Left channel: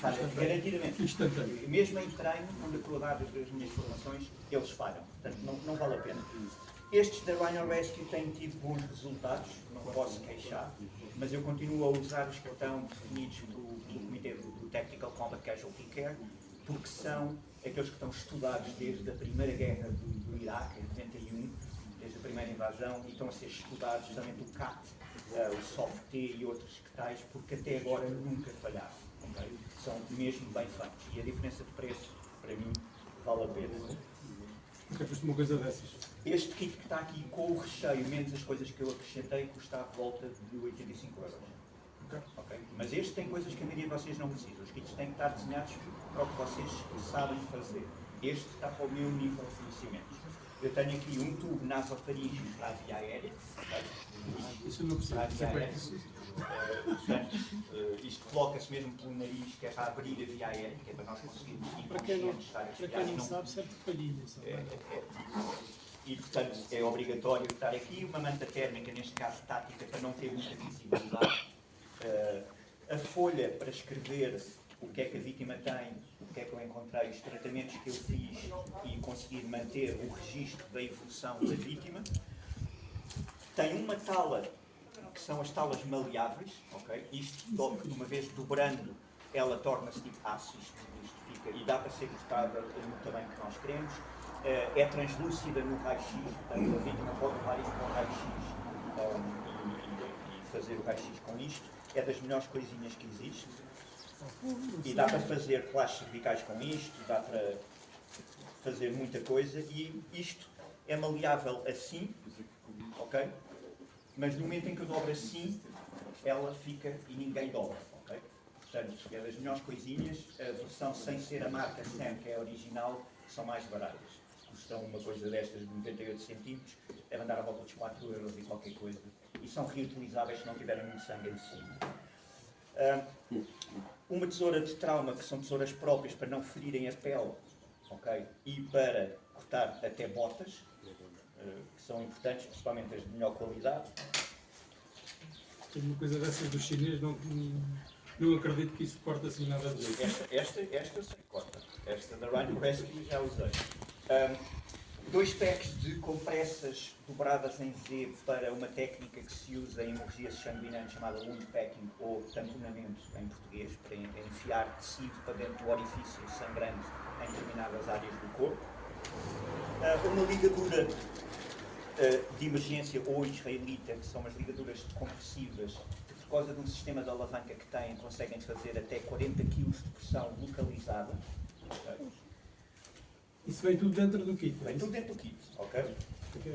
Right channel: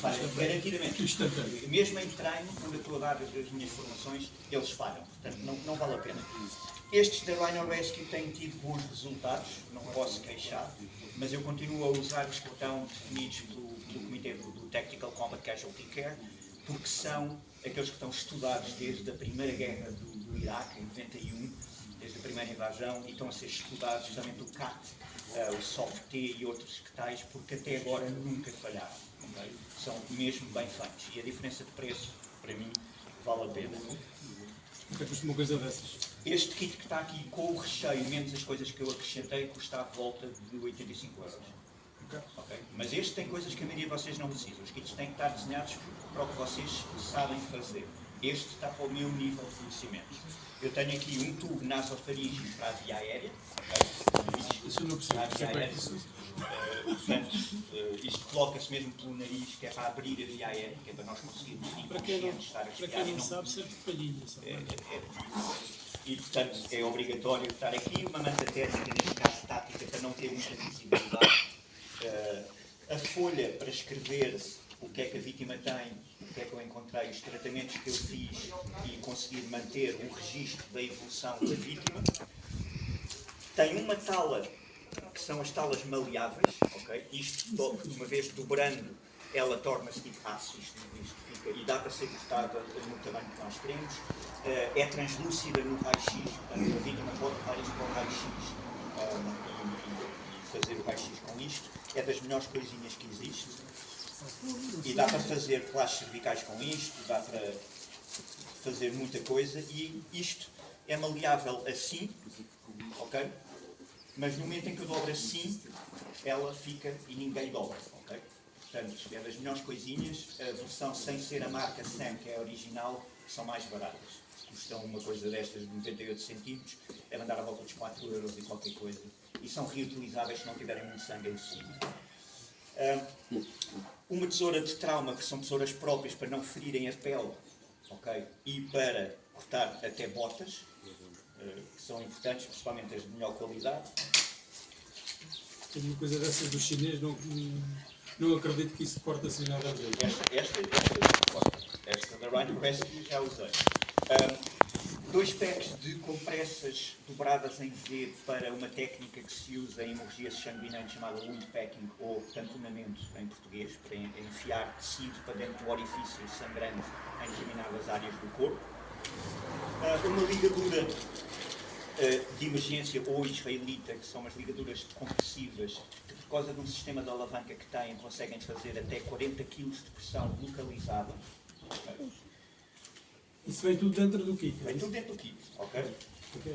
Falha garantidamente. Instantâneo. Mesmo em treino, quando eu estou a dar as minhas formações, eles falham. Portanto, não vale a pena. Estes da Rhino Rescue têm tido bons resultados, não posso queixar, mas eu continuo a usar os que estão definidos pelo Comitê do Tactical Combat Casualty Care, porque são aqueles que estão estudados desde a primeira guerra do Iraque, em 91, desde a primeira invasão, e estão a ser estudados também do CAT, o SOFT e outros que tais, porque até agora nunca falharam. Okay? São mesmo bem feitos. E a diferença de preço, para mim, vale a pena. Até custa uma coisa dessas. Este kit que está aqui com o recheio, menos as coisas que eu acrescentei, custa à volta de 85 €. Okay? Mas este tem coisas que a maioria de vocês não precisam. Os kits têm que estar desenhados para o que vocês sabem fazer. Este está para o meu nível de conhecimento. Eu tenho aqui um tubo nasofaríngeo para a via aérea. Okay? Isso não precisa. Portanto, isto coloca-se mesmo pelo nariz, que é para abrir a via aérea, que é para nós conseguirmos inconscientes estar a respirar. Para quem não sabe, serve de palhinha. E, portanto, é obrigatório estar aqui uma manta térmica, neste caso tática, para não ter muita visibilidade. A folha para escrever o que é que a vítima tem, o que é que eu encontrei, os tratamentos que eu fiz e conseguir manter o registro da evolução da vítima. Tem uma tala, que são as talas maleáveis, ok? Isto, uma vez dobrando, ela torna-se tipo aço, isto fica, e dá para ser cortada no tamanho que nós queremos. É translúcida no raio-x, portanto a vítima pode levar isto para o raio-x e fazer o raio-x com isto. É das melhores coisinhas que existe. E dá para fazer relaxos cervicais com isto, dá para fazer muita coisa, e isto é maleável assim, ok? Mas no momento em que eu dobro assim, ela fica e ninguém dobra, ok? Portanto, é das melhores coisinhas. A versão sem ser a marca Sam, que é a original, são mais baratas. Custam uma coisa destas de 98 centímetros, deve andar à volta dos 4 € e qualquer coisa. E são reutilizáveis se não tiverem muito sangue em cima. Uma tesoura de trauma, que são tesouras próprias para não ferirem a pele, ok? E para cortar até botas, que são importantes, principalmente as de melhor qualidade. Tenho uma coisa dessas do chinês, não acredito que isso corta assim nada a ver. Esta corta. Esta da Rhino Rescue já usei. 2 packs de compressas dobradas em Z para uma técnica que se usa em hemorragias sanguinantes chamada wound packing, ou tamponamento em português, para enfiar tecido para dentro do orifício sangrante em determinadas áreas do corpo. Uma ligadura de emergência ou israelita, que são umas ligaduras compressivas, que por causa de um sistema de alavanca que têm, conseguem fazer até 40 kg de pressão localizada. Okay? Isso vem tudo dentro do kit? Vem tudo dentro do kit, ok?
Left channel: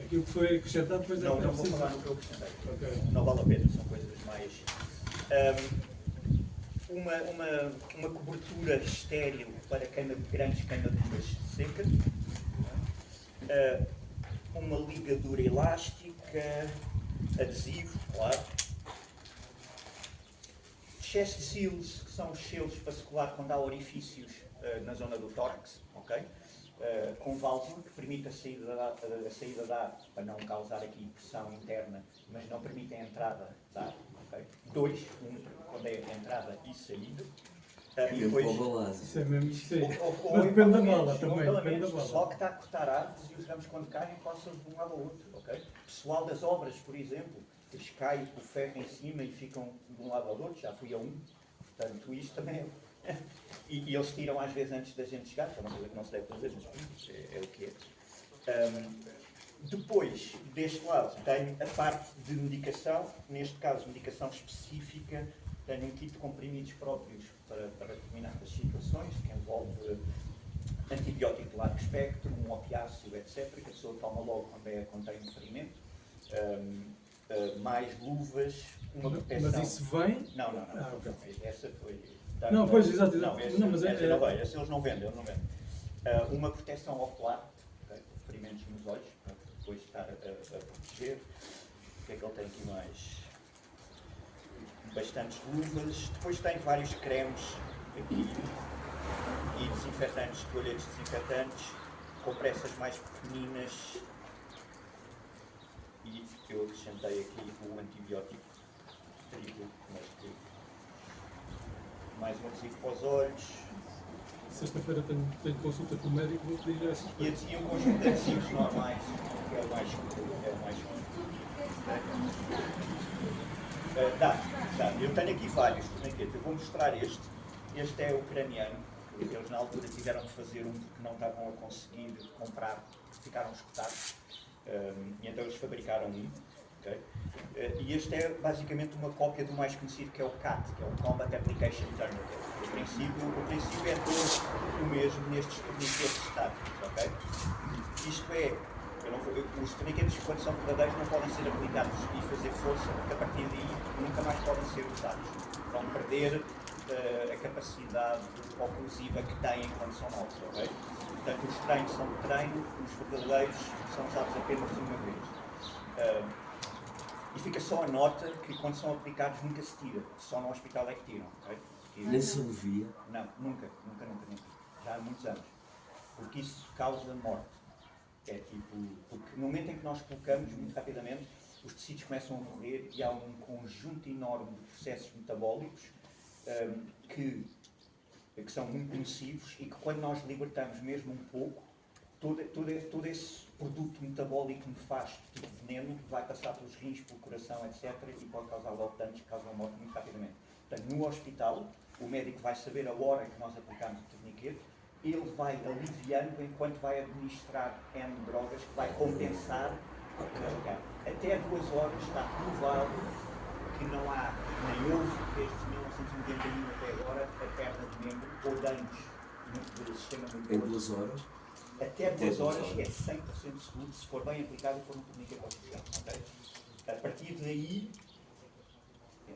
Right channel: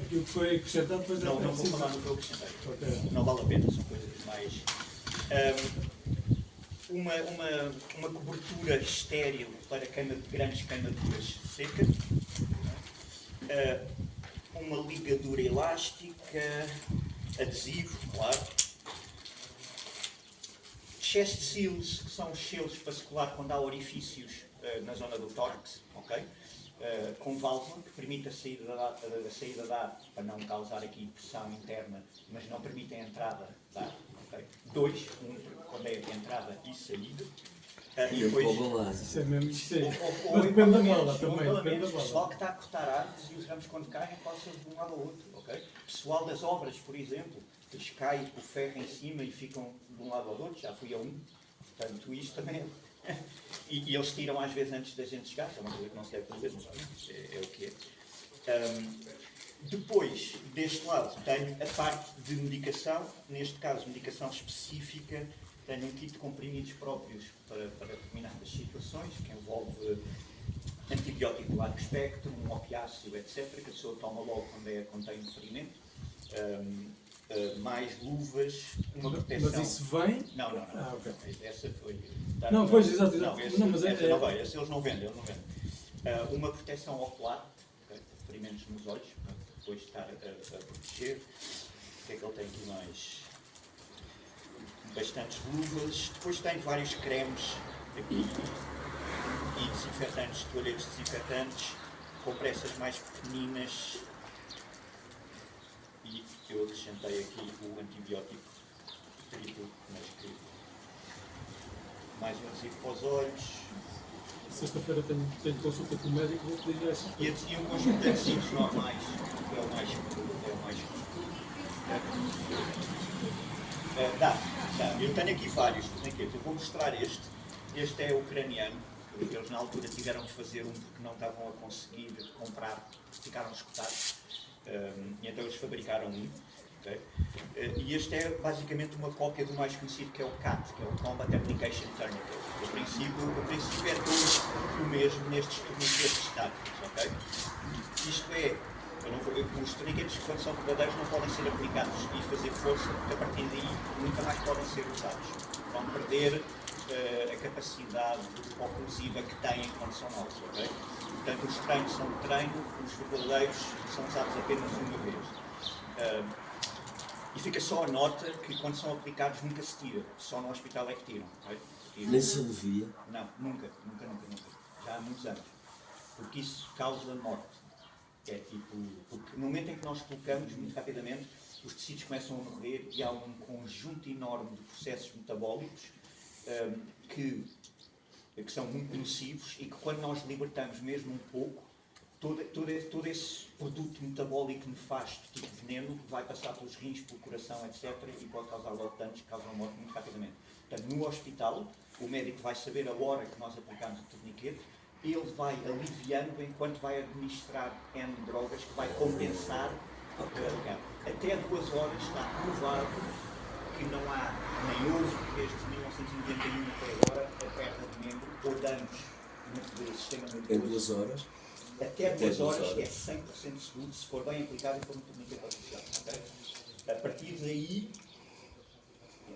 Aquilo que foi acrescentado depois não vou falar no que eu acrescentei. Okay. Não vale a pena, são coisas mais... uma cobertura estéril para grandes queimaduras secas. Uma ligadura elástica, adesivo, claro. Chest seals, que são os selos para se colar quando há orifícios na zona do tórax, ok? Com válvula, que permite a saída de ar, para não causar aqui pressão interna, mas não permite a entrada de ar, ok? 2, quando é a entrada e saída. E depois, isso é mesmo, isso é. Mas depende da bola também, depende da o bola. pessoal que está a cortar árvores e os ramos quando caem passam de um lado ao outro, ok? Pessoal das obras, por exemplo, eles caem o ferro em cima e ficam de um lado ao outro, já fui a um, portanto isto também é... e eles tiram às vezes antes da gente chegar, é uma coisa que não se deve fazer, mas é o que é. Depois, deste lado, tenho a parte de medicação, neste caso medicação específica. Tenho um kit de comprimidos próprios para determinadas situações, que envolve antibiótico de largo espectro, um opiáceo, etc., que a pessoa toma logo quando tem um ferimento. Mais luvas, uma proteção... Mas isso vem? Não. Ah, ok. Essa foi... Não, pois, exato. Não, essa não vai, essa eles não vendem, uma proteção ocular, okay, ferimentos nos olhos, para depois estar a proteger. O que é que ele tem aqui mais? Bastantes luvas. Depois tem vários cremes aqui e desinfetantes, toalhetes desinfetantes, compressas mais pequeninas, e eu acrescentei aqui o antibiótico triplo, mas que mais um adesivo para os olhos. Sexta-feira tenho consulta com o médico, vou pedir essa. E um conjunto de adesivos normais, que é o mais comum. Dá. Eu tenho aqui vários torniquetes. Eu vou mostrar este. Este é ucraniano, que eles na altura tiveram que fazer um porque não estavam a conseguir comprar, porque ficaram escutados. E então eles fabricaram um. Okay? E este é basicamente uma cópia do mais conhecido, que é o CAT, que é o Combat Application Tourniquet. O princípio é todo o mesmo nestes torniquetes estáticos. Okay? Isto é, os torniquetes, quando são verdadeiros, não podem ser aplicados e fazer força, porque a partir daí nunca mais podem ser usados. Vão perder a capacidade oclusiva que têm quando são novos. Okay? Portanto, os treinos são de treino, os verdadeiros são usados apenas uma vez. E fica só a nota que quando são aplicados nunca se tira, só no hospital é que tiram. Okay? Nem se alivia? Não, nunca. Já há muitos anos. Porque isso causa morte. É tipo, porque no momento em que nós colocamos, muito rapidamente, os tecidos começam a morrer e há um conjunto enorme de processos metabólicos que são muito nocivos e que quando nós libertamos mesmo um pouco, todo esse produto metabólico nefasto, tipo veneno, vai passar pelos rins, pelo coração, etc. e pode causar logo danos que causam morte muito rapidamente. Portanto, no hospital, o médico vai saber a hora que nós aplicamos o torniquete, ele vai aliviando enquanto vai administrar N drogas que vai compensar o carregar. Até 2 horas está provado que não há, nem houve, desde 1991 até agora, a perda de membro ou danos no sistema nervoso. Em 2 horas? Até 2 horas é 100% seguro se for bem aplicado e for no torniquete oficial. Okay? A partir daí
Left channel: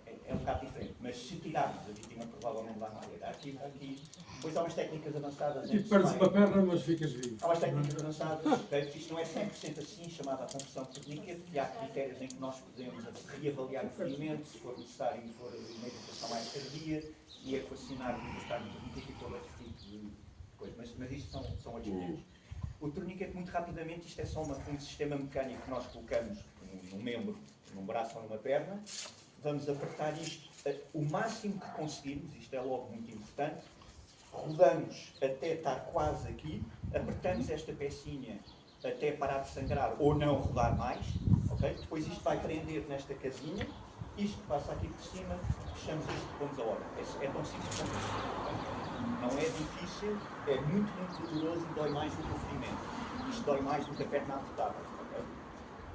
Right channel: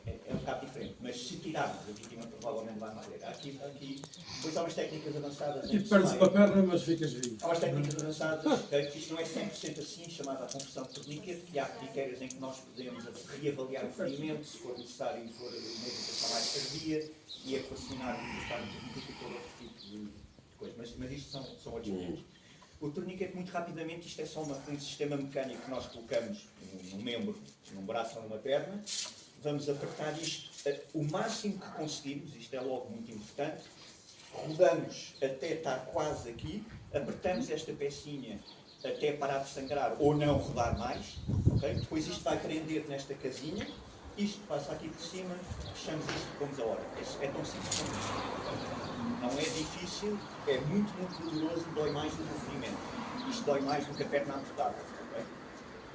é um bocado diferente, mas se tirarmos, a vítima provavelmente vai morrer. Aqui, depois há umas técnicas avançadas. E perdes a perna, mas ficas vivo. Há umas técnicas avançadas, okay? Isto não é 100% assim, chamada a conversão de torniquete, que há critérios em que nós podemos reavaliar o ferimento, se for necessário, for uma educação mais tardia, e equacionar o estado de torniquete e todo outro tipo de coisas. Mas isto são outros níveis. O torniquete, muito rapidamente, isto é só um sistema mecânico que nós colocamos num membro, num braço ou numa perna. Vamos apertar isto o máximo que conseguimos, isto é logo muito importante. Rodamos até estar quase aqui, apertamos esta pecinha até parar de sangrar ou não rodar mais. Okay? Depois isto vai prender nesta casinha, isto passa aqui por cima, fechamos isto e pomos a hora. É tão simples como isto. Não é difícil, é muito doloroso e dói mais do que o ferimento. Isto dói mais do que a perna amputada. Okay?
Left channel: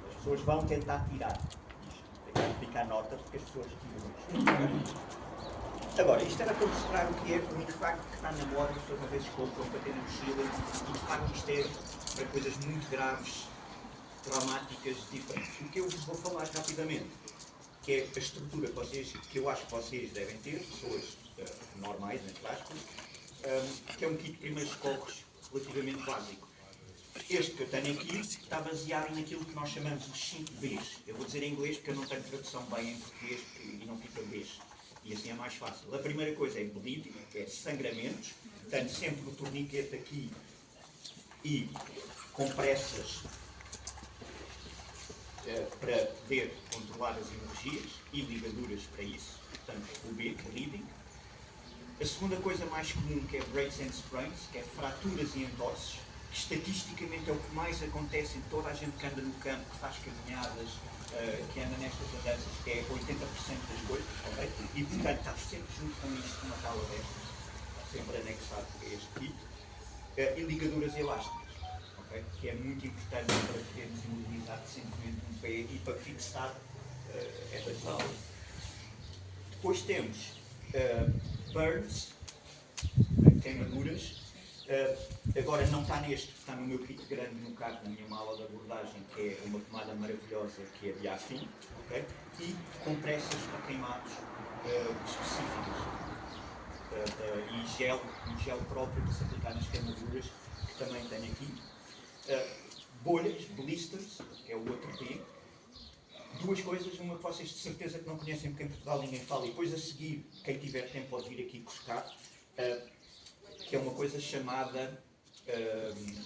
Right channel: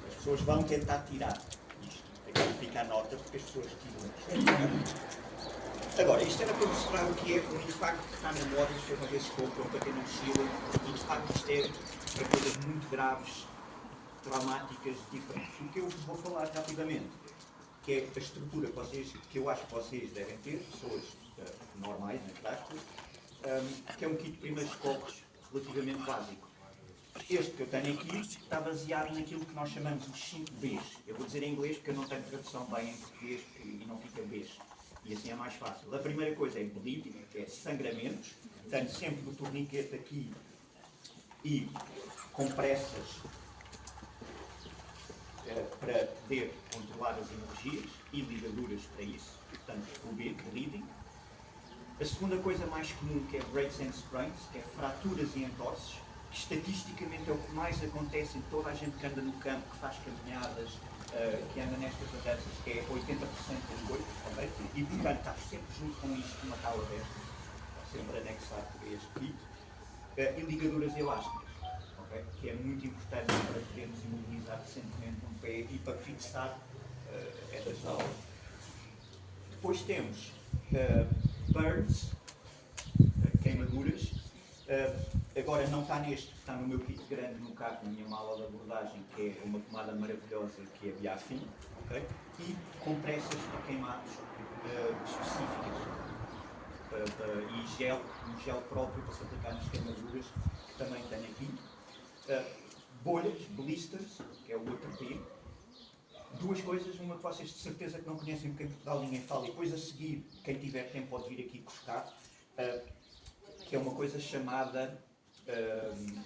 As pessoas vão tentar tirar isto. Fica a nota porque as pessoas tiram. Agora, isto era para mostrar o que é o impacto que está na moda. Isto é uma vez compram para ter na mochila e de facto isto é para coisas muito graves, traumáticas, diferentes. O que eu vos vou falar rapidamente, que é a estrutura que eu acho que vocês devem ter, pessoas normais, entre aspas, que é um kit de primeiros socorros relativamente básico. Este que eu tenho aqui está baseado naquilo que nós chamamos os 5 Bs. Eu vou dizer em inglês porque eu não tenho tradução bem em português e não fica Bs. E assim é mais fácil. A primeira coisa é bleeding, é sangramentos. Tenho sempre o torniquete aqui e compressas para poder controlar as hemorragias e ligaduras para isso. Portanto, o B, bleeding. A segunda coisa mais comum, que é breaks and sprains, que é fraturas e entorses, que estatisticamente é o que mais acontece em toda a gente que anda no campo, que faz caminhadas, que anda nestas andanças, que é 80% das coisas, ok? E portanto está sempre junto com isto uma tala destas, está sempre anexado a este kit, e ligaduras elásticas, ok? Que é muito importante para podermos imobilizar decentemente um pé e para fixar estas talas. Depois temos burns, queimaduras. Agora não está neste, está no meu kit grande no carro, na minha mala de abordagem, que é uma pomada maravilhosa que é Biafim, okay? E compressas para queimados específicas e um gel próprio para se aplicar nas queimaduras, que também tenho aqui. Bolhas, blisters, que é o outro P. Duas coisas, uma que vocês de certeza que não conhecem porque em Portugal ninguém fala, e depois a seguir, quem tiver tempo pode vir aqui buscar, que é uma coisa chamada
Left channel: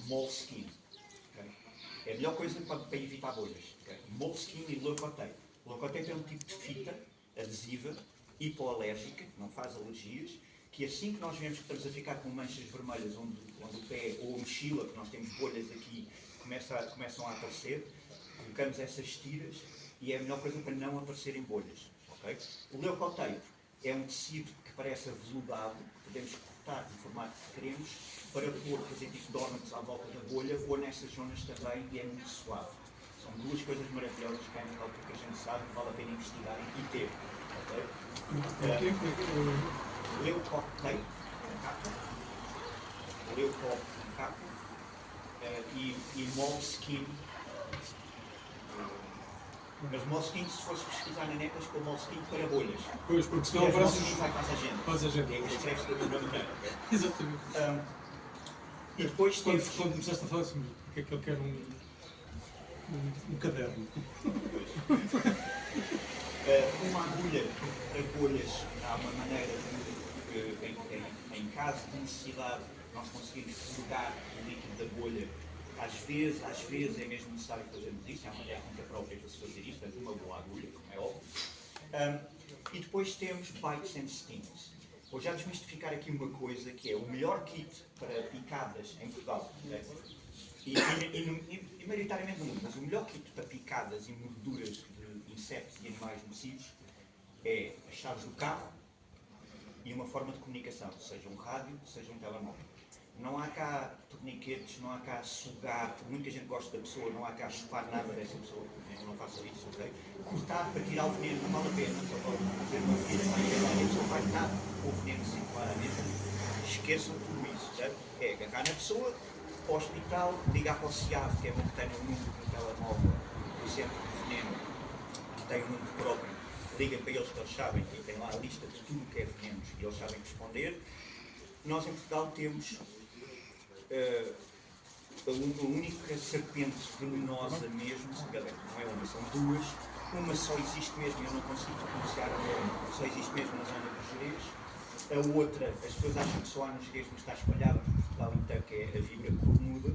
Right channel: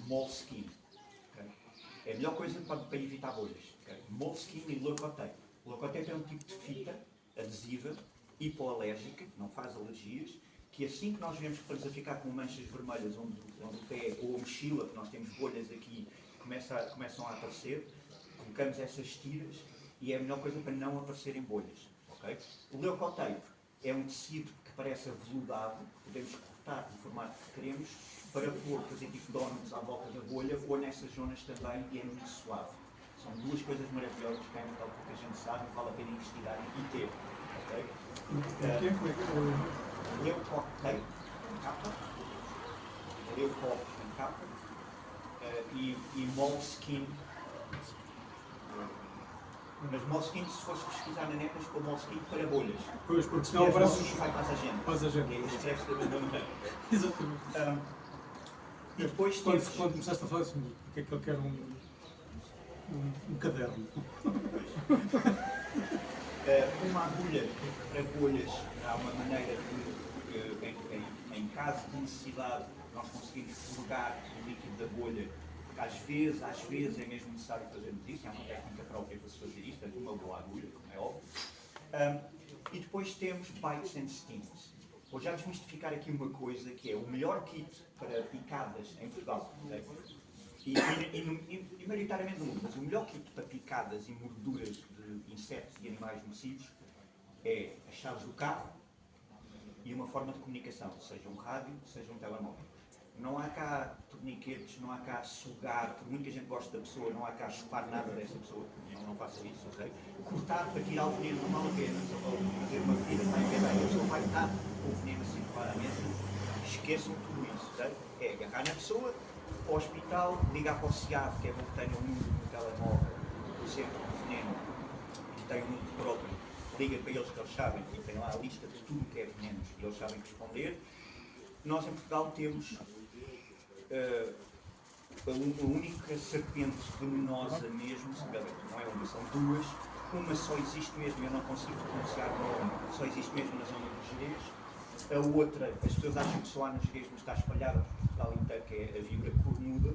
Moleskine. Okay? É a melhor coisa para evitar bolhas. Okay? Moleskine e Leukotape. Leukotape é um tipo de fita adesiva, hipoalérgica, que não faz alergias, que assim que nós vemos que estamos a ficar com manchas vermelhas onde o pé ou a mochila, que nós temos bolhas aqui, começam a aparecer, colocamos essas tiras e é a melhor coisa para não aparecerem bolhas. Okay? O leucotape é um tecido que parece aveludado, que podemos cortar no formato que queremos, para fazer tipo donuts à volta da bolha ou nessas zonas também, e é muito suave. São duas coisas maravilhosas que é porque a gente sabe e vale a pena investigar e ter. Okay? Leucotape com capa, Leucop com capa e Moleskine. Mas Moleskine, se fores pesquisar na net, tens com Moleskine para bolhas. Pois, porque senão aparece os... Vai para a gente. Faz a gente. Escreve-se da mesma maneira. Exatamente. E depois quando começaste a falar assim, porque é que ele quer um caderno? Uma agulha para bolhas, há uma maneira que em caso de necessidade nós conseguimos purgar o líquido da bolha. Às vezes é mesmo necessário fazermos isso, é uma técnica própria para se fazer isso, portanto uma boa agulha, como é óbvio. E depois temos bites and stings. Vou já desmistificar aqui uma coisa que é o melhor kit para picadas em Portugal, né? e maioritariamente no mundo, mas o melhor kit para picadas e morduras de insetos e animais nocivos é as chaves do carro e uma forma de comunicação, seja um rádio, seja um telemóvel. Não há cá torniquetes, não há cá sugar, por muito que a gente goste da pessoa, não há cá chupar nada dessa pessoa, não faça isso, ok? Cortar para tirar o veneno não vale a pena, só para fazer uma ferida, para infectar, e a pessoa vai estar com o veneno assim claramente. Esqueçam tudo isso, certo? É agarrar na pessoa, para o hospital, ligar para o CIAV, que é bom que tenha um número no telemóvel do centro de veneno, que tem um número próprio, liga para eles que eles sabem, e tem lá a lista de tudo o que é venenos, e eles sabem responder. Nós em Portugal temos a única serpente venenosa mesmo, não é uma, são duas. Uma só existe mesmo, e eu não consigo pronunciar o nome, só existe mesmo na zona dos Gerês. A outra, as pessoas acham que só há nos Gerês, mas está espalhada por Portugal inteiro, que é a víbora cornuda.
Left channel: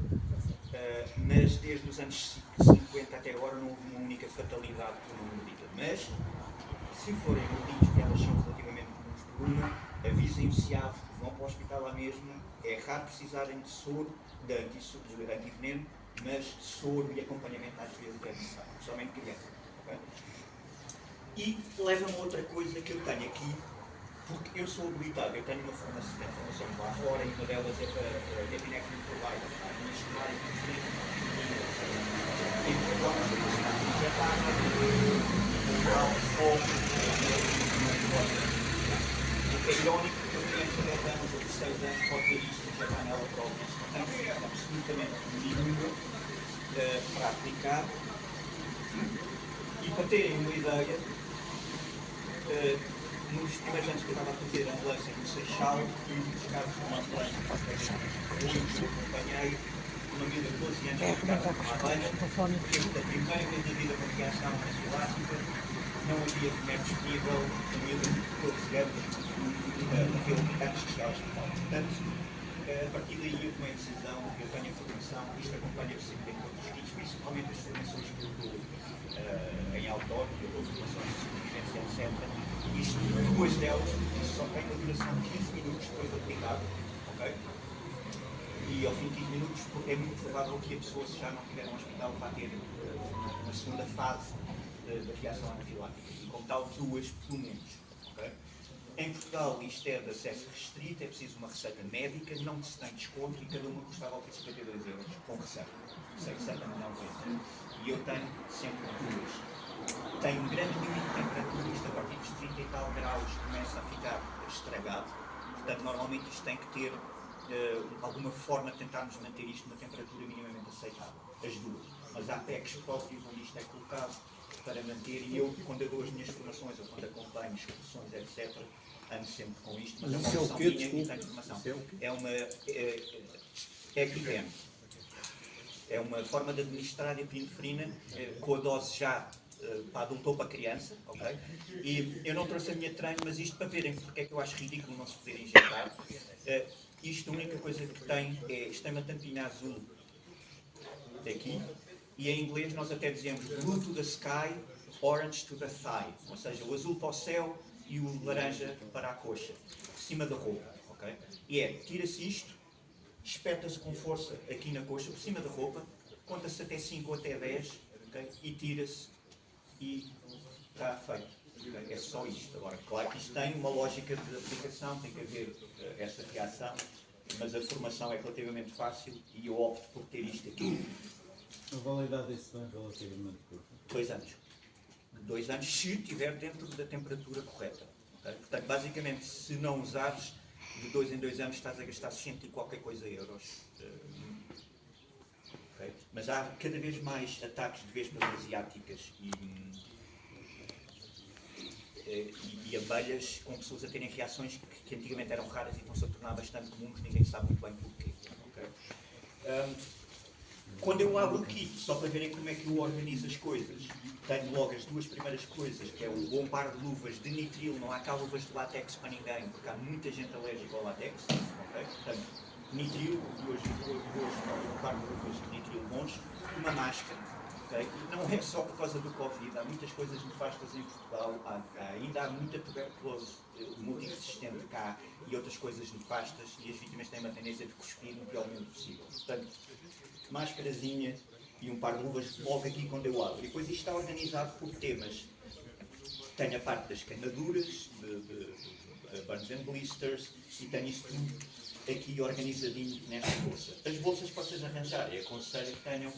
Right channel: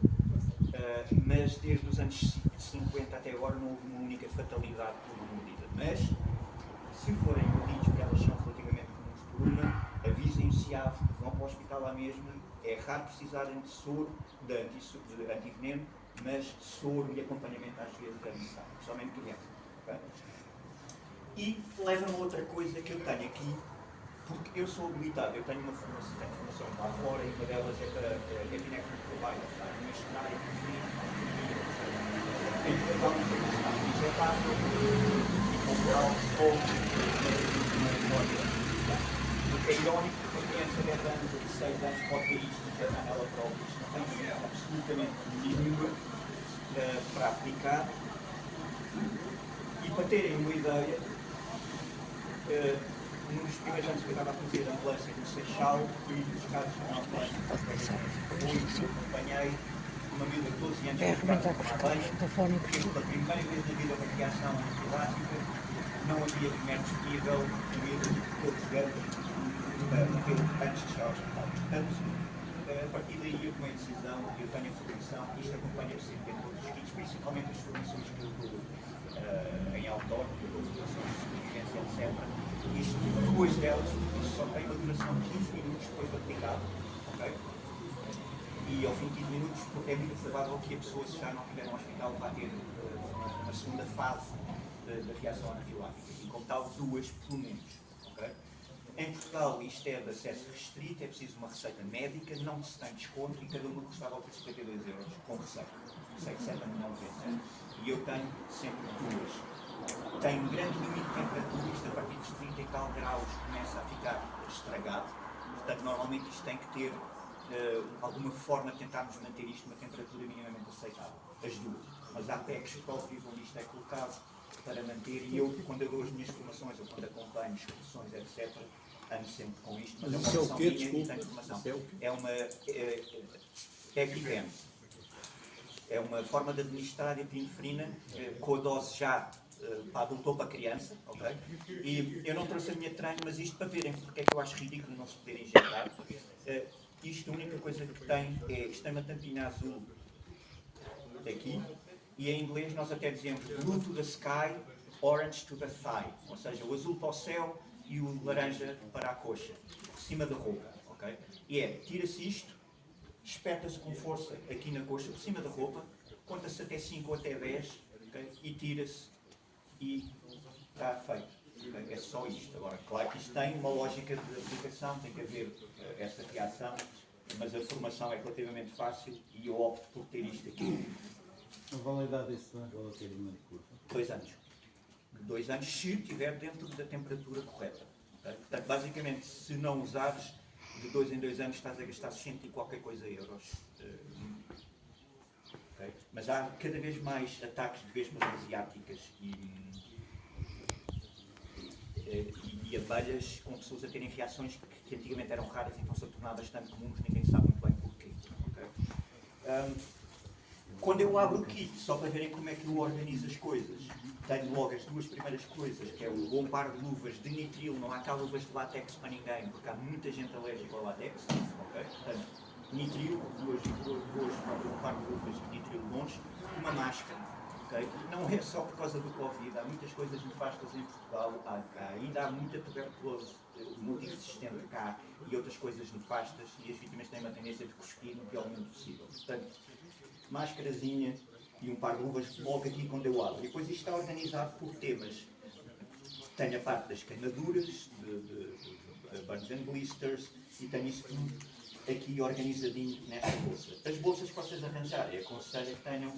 Mas desde os anos 50 até agora não houve uma única fatalidade por uma mordida. Mas, se forem mordidos, que elas são relativamente comuns por uma, avisem o CIAV, vão para o hospital lá mesmo. É raro precisarem de soro, de antiveneno, mas soro e acompanhamento às vezes é necessário, principalmente criança. Okay? E leva-me a outra coisa que eu tenho aqui, porque eu sou habilitado, eu tenho formações lá fora e uma delas é para epinephrine provider, para administrar epinefrina. Tem algumas coisas que estão injetadas, natural, fogo, não importa. O que é irónico, porque uma criança de 10 anos ou de 6 anos pode ter isto e injetar nela própria. Isto não tem função absolutamente nenhuma para aplicar. E para terem uma ideia, num dos primeiros anos que eu estava a fazer ambulância no Seixal, um dos casos que nós acompanhei uma miúda de 12 anos que ficava com uma abelha, porque pela primeira vez na vida uma reação anafilática, não havia remédio disponível, a miúda de 12 anos, antes de chegar ao hospital. Portanto, a partir daí eu tomei a decisão, eu tenho a formação, isto acompanha-me sempre em todos os kits, principalmente as formações que eu dou em outdoor, que eu dou formações de sobrevivência, etc. Isto, duas delas, isto só tem uma duração de 15 minutos depois de aplicado, ok? E ao fim de 15 minutos é muito provável que a pessoa, se já não estiver no hospital, vá ter uma segunda fase da reação anafilática. E como tal, duas pelo menos, ok? Em Portugal isto é de acesso restrito, é preciso uma receita médica, não se tem desconto e cada uma custava ao 52 euros com receita. Receita não vende. E eu tenho sempre duas. Tem um grande limite de temperatura, isto a partir dos 30 e tal graus começa a ficar estragado. Portanto, normalmente isto tem que ter alguma forma de tentarmos manter isto numa temperatura minimamente aceitável. As duas. Mas há packs próprios onde isto é colocado para manter, e eu, quando eu dou as minhas formações, ou quando acompanho excursões, etc., ando sempre com isto, mas é uma opção minha e tenho formação. É uma EpiPen. É uma forma de administrar epinefrina com a dose já para adulto ou para criança, ok? E eu não trouxe a minha treino, mas isto para verem porque é que eu acho ridículo não se poder injetar. Isto, a única coisa que tem é, isto tem uma tampinha azul aqui, e em inglês nós até dizemos blue to the sky, orange to the thigh, ou seja, o azul para o céu e o laranja para a coxa. cima da roupa, ok? E é, tira-se isto, espeta-se com força aqui na coxa, por cima da roupa, conta-se até 5 ou até 10, ok? E tira-se e está feito. Okay? É só isto. Agora, claro que isto tem uma lógica de aplicação, tem que haver essa reação, mas a formação é relativamente fácil e eu opto por ter isto aqui. A validade disso é relativamente curta. 2 anos. 2 anos, se estiver dentro da temperatura correta. Okay? Portanto, basicamente, se não usares, de 2 em 2 anos estás a gastar 100 e qualquer coisa euros. Okay? Mas há cada vez mais ataques de vespas asiáticas e abelhas com pessoas a terem reações que antigamente eram raras e estão-se a tornar bastante comuns, ninguém sabe muito bem porquê. Okay? Quando eu abro o kit, só para verem como é que eu organizo as coisas, tenho logo as 2 primeiras coisas, que é o bom par de luvas de nitril, não há cá luvas de látex para ninguém, porque há muita gente alérgica ao látex, ok? Portanto, nitril, um par de luvas de nitril bons, uma máscara, ok? Não é só por causa do Covid, há muitas coisas nefastas em Portugal, ainda há muita tuberculose multiresistente cá e outras coisas nefastas, e as vítimas têm uma tendência de cuspir no pior momento possível. Portanto, máscarazinha e um par de luvas logo aqui quando eu abro. E depois isto está organizado por temas. Tenho a parte das queimaduras, de burns and blisters, e tenho isto tudo aqui organizadinho nesta bolsa. As bolsas que vocês arranjarem, aconselho que tenham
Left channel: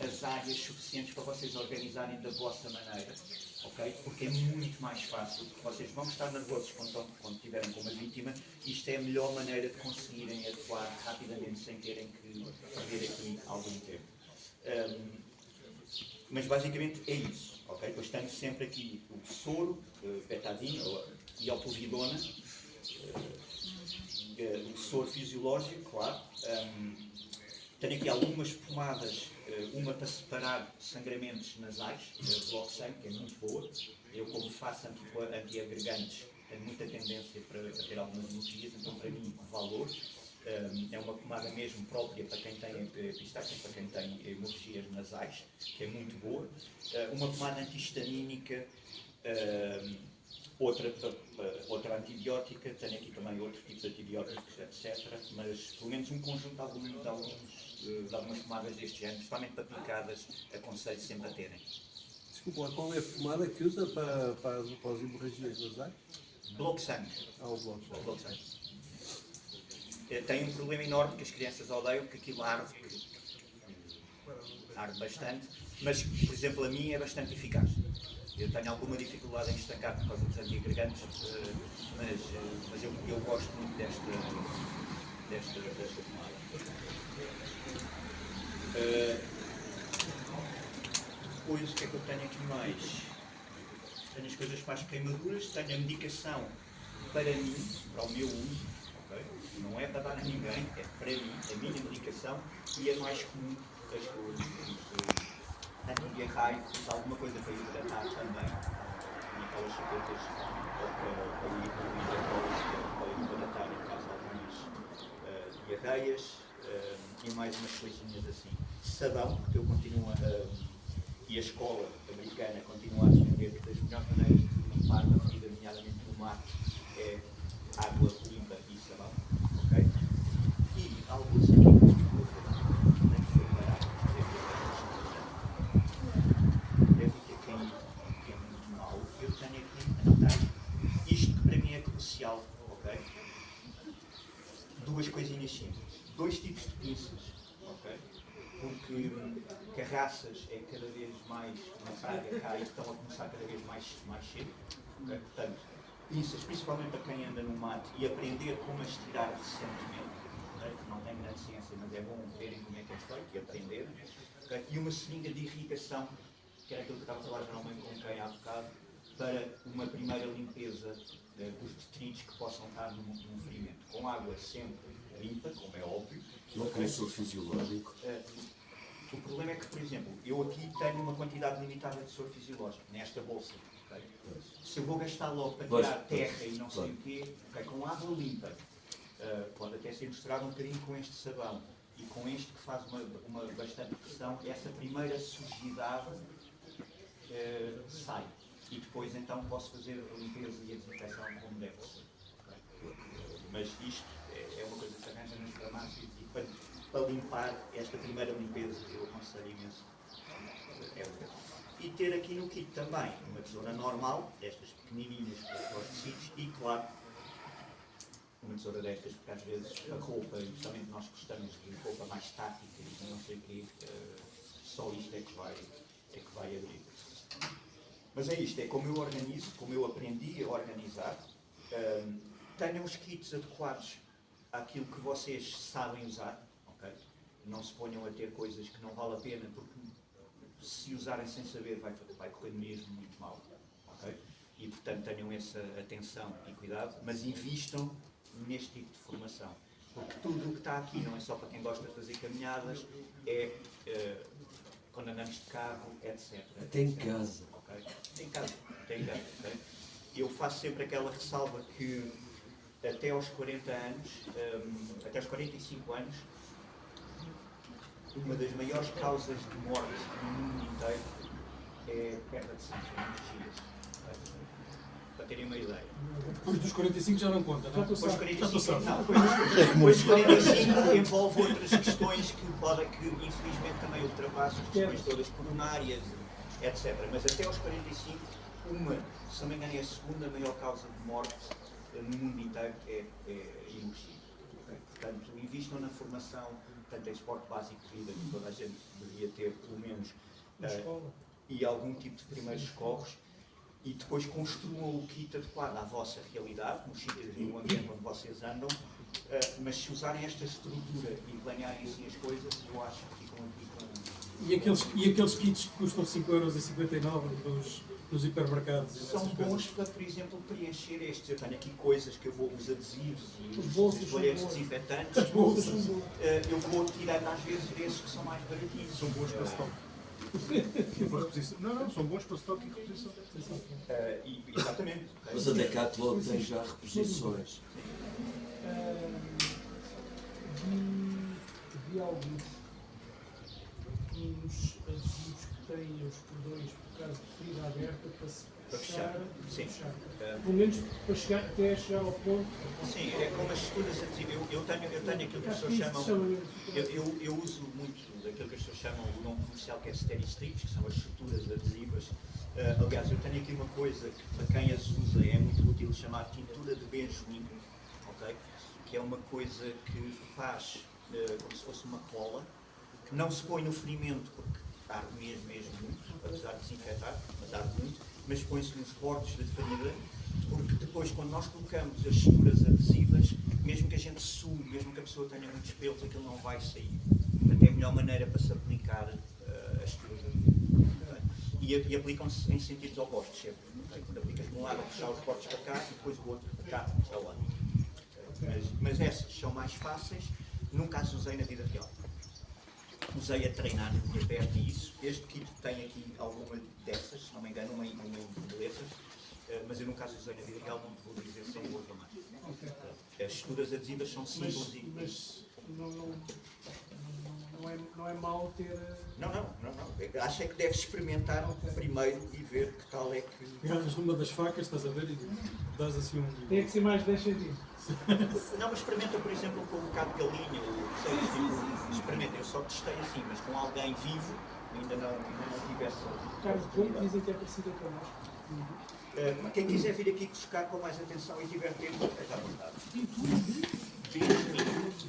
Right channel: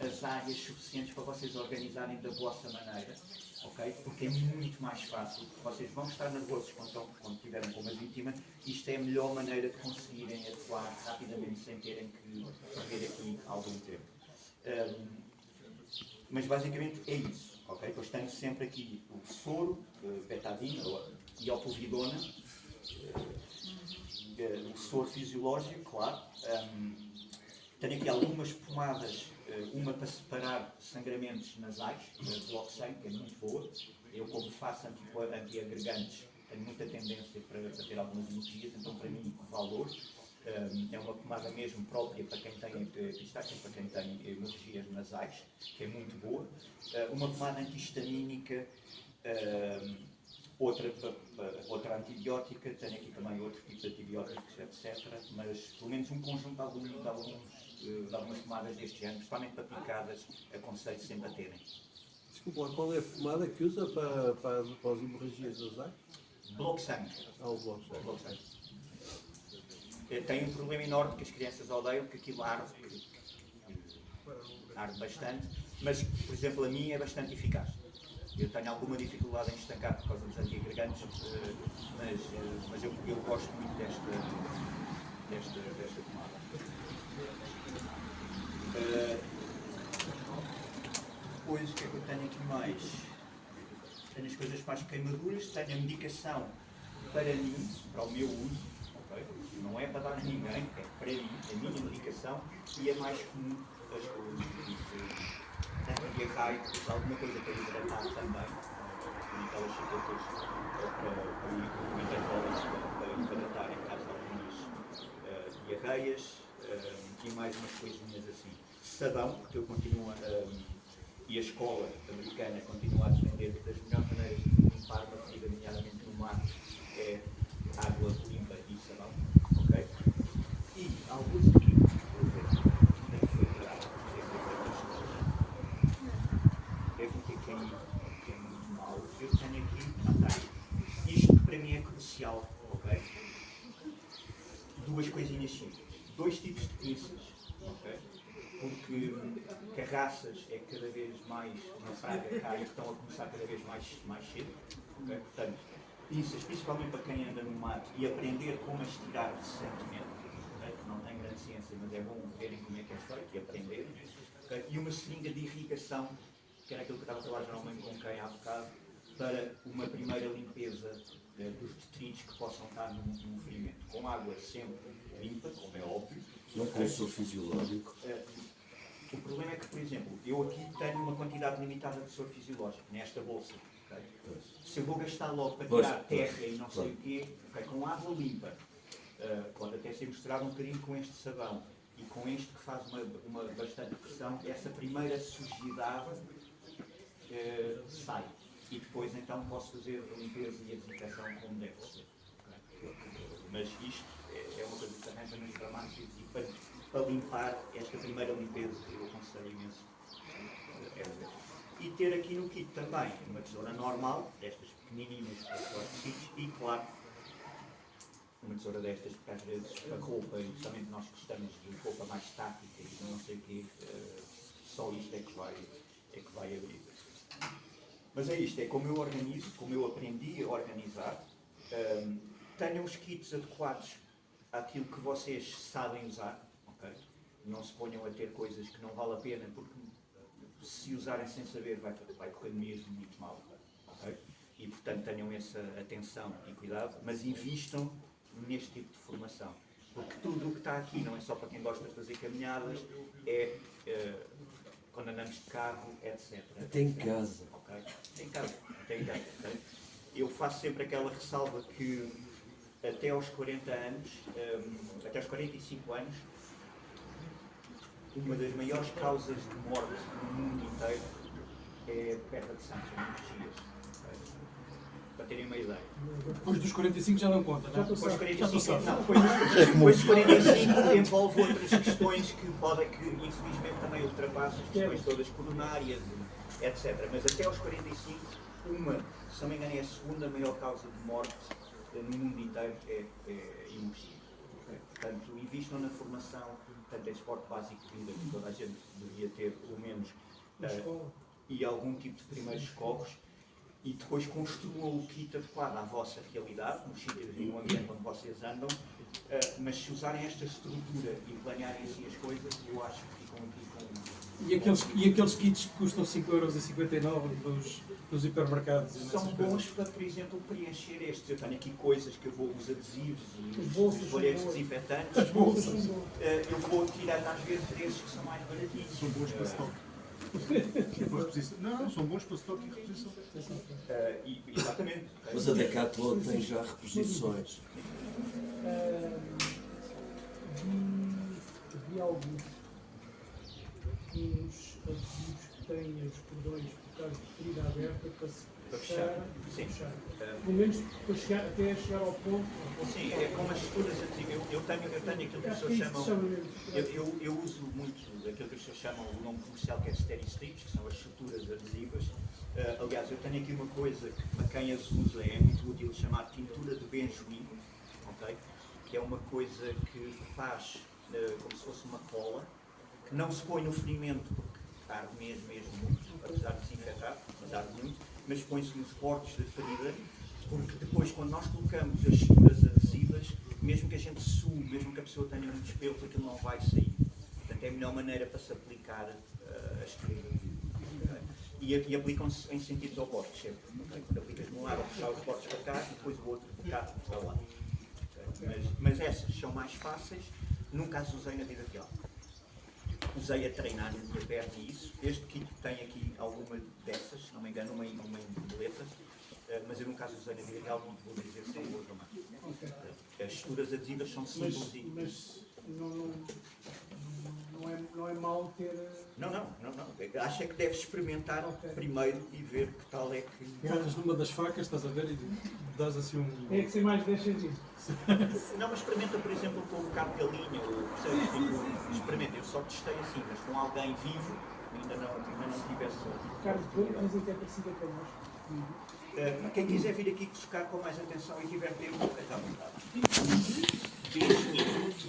as áreas suficientes para vocês organizarem da vossa maneira, ok? Porque é muito mais fácil, porque vocês vão estar nervosos quando estiverem com uma vítima, e isto é a melhor maneira de conseguirem atuar rapidamente sem terem que perder aqui algum tempo. Mas basicamente é isso, ok? Depois tenho sempre aqui o soro, betadina e a povidona, o soro fisiológico, claro. Tenho aqui algumas pomadas, uma para separar sangramentos nasais, Bloxane, que é muito boa. Eu, como faço antiagregantes, tenho muita tendência para ter algumas hemorragias, então para mim, valor. É uma pomada mesmo própria para quem tem epistaxe, para quem tem hemorragias nasais, que é muito boa. Uma pomada antihistamínica, outra antibiótica, tenho aqui também outro tipo de antibióticos, etc. Mas pelo menos um conjunto de algumas pomadas deste género, principalmente para picadas, aconselho sempre a terem. Desculpa, qual é a pomada que usa para as hemorragias nasais? Bloxane. O Bloxane. Tem um problema enorme que as crianças odeiam, que aquilo arde bastante, mas, por exemplo, a minha é bastante eficaz. Eu tenho alguma dificuldade em estancar por causa dos antiagregantes, mas eu gosto muito desta pomada. Depois, o que é que eu tenho aqui mais? Tenho as coisas para as queimaduras, tenho a medicação para mim, para o meu uso. Okay? Não é para dar a ninguém, é para mim, a minha medicação, e a mais comum das coisas. Antidiarreico, alguma coisa para hidratar também, aquelas chaquetas para hidratar em caso de algumas diarreias, e mais umas coisinhas assim. Sabão, porque eu continuo e a escola americana continua a defender que das melhores maneiras de limpar uma ferida, nomeadamente no mar, é água limpa e sabão, ok? E alguns aqui, tem que ser parado, deve ter caído, que é muito mau. Eu tenho aqui, não tenho, isto que para mim é crucial, ok? 2 coisinhas simples, 2 tipos de pinças, ok? Porque carraças é cada vez mais uma praga cá e estão a começar cada vez mais cedo, ok? Portanto, pinças, principalmente para quem anda no mato, e aprender como as tirar decentemente, okay? Não tem grande ciência, mas é bom verem como é que é feito e aprenderem. Okay? E uma seringa de irrigação, que era aquilo que eu estava a falar geralmente com quem há bocado, para uma primeira limpeza dos detritos que possam estar num ferimento. Com água sempre limpa, como é óbvio. Não tem soro fisiológico. O problema é que, por exemplo, eu aqui tenho uma quantidade limitada de soro fisiológico, nesta bolsa. Okay? Se eu vou gastar logo para tirar terra e não sei o quê, okay, com água limpa, pode até ser misturado um bocadinho com este sabão e com este que faz uma bastante pressão, essa primeira sujidade sai. E depois então posso fazer a limpeza e a desinfecção como deve ser. Okay? mas isto é uma coisa que se arranja nos farmácias e para limpar esta primeira limpeza, eu aconselho imenso. E ter aqui no kit também uma tesoura normal, destas pequenininhas para os tecidos, e claro, uma tesoura destas, porque às vezes a roupa, e justamente nós gostamos de roupa mais estática e não sei o quê, só isto é que vai abrir. Mas é isto, é como eu organizo, como eu aprendi a organizar. Tenham os kits adequados àquilo que vocês sabem usar, ok? Não se ponham a ter coisas que não vale a pena, porque se usarem sem saber vai correr mesmo muito mal, ok? E portanto tenham essa atenção e cuidado, mas invistam neste tipo de formação, porque tudo o que está aqui não é só para quem gosta de fazer caminhadas, quando andamos de carro, etc. Até em casa. Okay? Até em casa, ok? Eu faço sempre aquela ressalva que até aos 40 anos, até aos 45 anos, uma das maiores causas de morte no mundo inteiro é perda de sangue, hemorragias. Para terem uma ideia. Depois dos 45 já não conta, não é? Depois dos 45, não, depois dos 45 envolve outras questões que infelizmente também ultrapassam as questões todas coronárias, etc. Mas até aos 45, se não me engano, é a segunda maior causa de morte no mundo inteiro é hemorragia. Okay? Portanto, invistam na formação, portanto, é esporte básico de vida que toda a gente deveria ter, pelo menos, e algum tipo de primeiros socorros, e depois construam o kit adequado à vossa realidade, nos sítios e no ambiente onde vocês andam, mas se usarem esta estrutura e planearem assim as coisas, eu acho que ficam aqui com... E aqueles kits que custam 5,59€ nos hipermercados? São bons para, por exemplo, preencher estes. Eu tenho aqui coisas que eu vou, os adesivos e os folhetos desinfetantes. Eu vou tirando às vezes desses que são mais baratinhos. São bons para stock. Não, são bons para stock e reposição. Exatamente. Mas a Decathlon tem já reposições. Vi alguns adesivos que têm os cordões por causa de ferida aberta para se fechar. Sim. Pelo menos para chegar, até chegar ao ponto. Sim, é como as estruturas adesivas. Eu tenho aquilo que as pessoas chamam. Eu uso muito aquilo que as pessoas chamam o nome comercial, que é Steady Strips, que são as estruturas adesivas. Aliás, eu tenho aqui uma coisa que para quem as usa é muito útil, chamada tintura de benjoim, ok? Que é uma coisa que faz como se fosse uma cola, que não se põe no ferimento porque arde mesmo muito, apesar de desinfetar, mas arde muito, mas põe-se nos bordos da ferida, porque depois quando nós colocamos as estruturas adesivas, mesmo que a gente sue, mesmo que a pessoa tenha muitos pelos, aquilo não vai sair. Portanto, é a melhor maneira para se aplicar as estruturas. Okay? E aplicam-se em sentidos opostos sempre. Okay? Quando aplicas de um lado, puxar os bordos para cá e depois o outro para cá, para lá. Okay? Mas essas são mais fáceis, nunca as usei na vida real. Usei a treinar na minha perna e isso. Este kit tem aqui alguma dessas, se não me engano, uma em boletas, mas eu nunca as usei na vida real, não vou dizer sem boas ou mais. As estruturas adesivas são simples Mas não é mau ter. Não. Acho é que deves experimentar primeiro e ver que tal é que. Pegas numa das facas, estás a ver, e dás assim um. Tem que ser mais 10 centímetros. Não, mas experimenta, por exemplo, com um bocado de galinha, ou experimenta. Eu só testei assim, mas com alguém vivo, ainda não tive essa. Carlos, dizem que é parecido até nós. Quem quiser vir aqui buscar com mais atenção e tiver tempo, esteja à vontade. 20 minutos.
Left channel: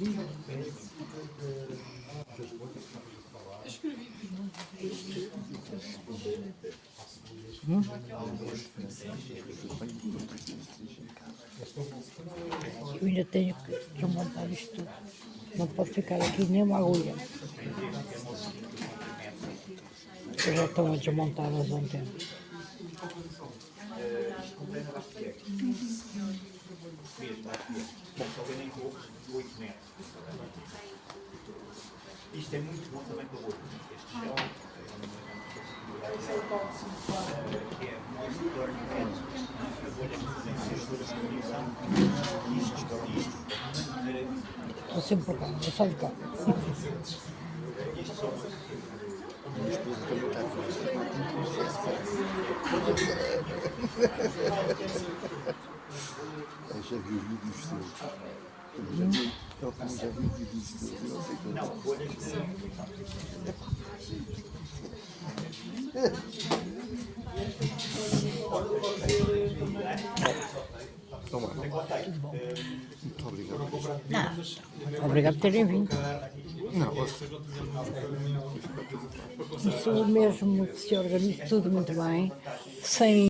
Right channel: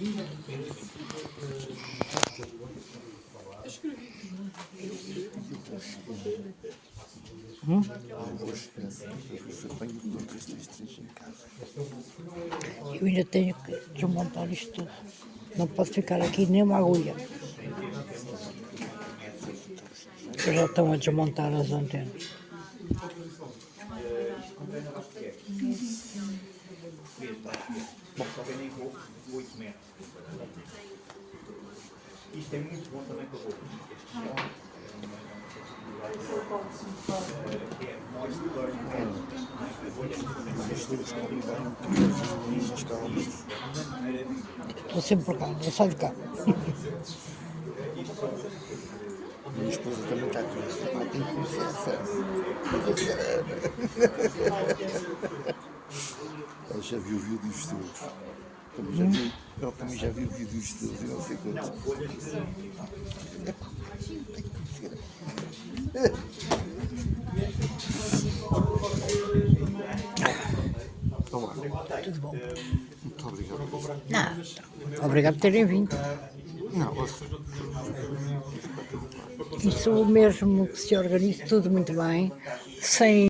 Eu ainda tenho que desmontar isto tudo. Não pode ficar aqui nem uma agulha. Já estão a desmontar as antenas. Isto compreende bastante. Só vem em roupas de 8 metros. Isto é muito bom também para roupas. Este chão é Moist Burn Pants. A bolha Estou sempre por cá, é só de cá. Minha esposa também está com isso. Ela já viu vídeos teus. Ela também já viu vídeos teus e não sei quantos. Não, folhas de. Tudo bom. Muito obrigado. Não, obrigado por terem vindo. Isso mesmo que se organize tudo muito bem, sem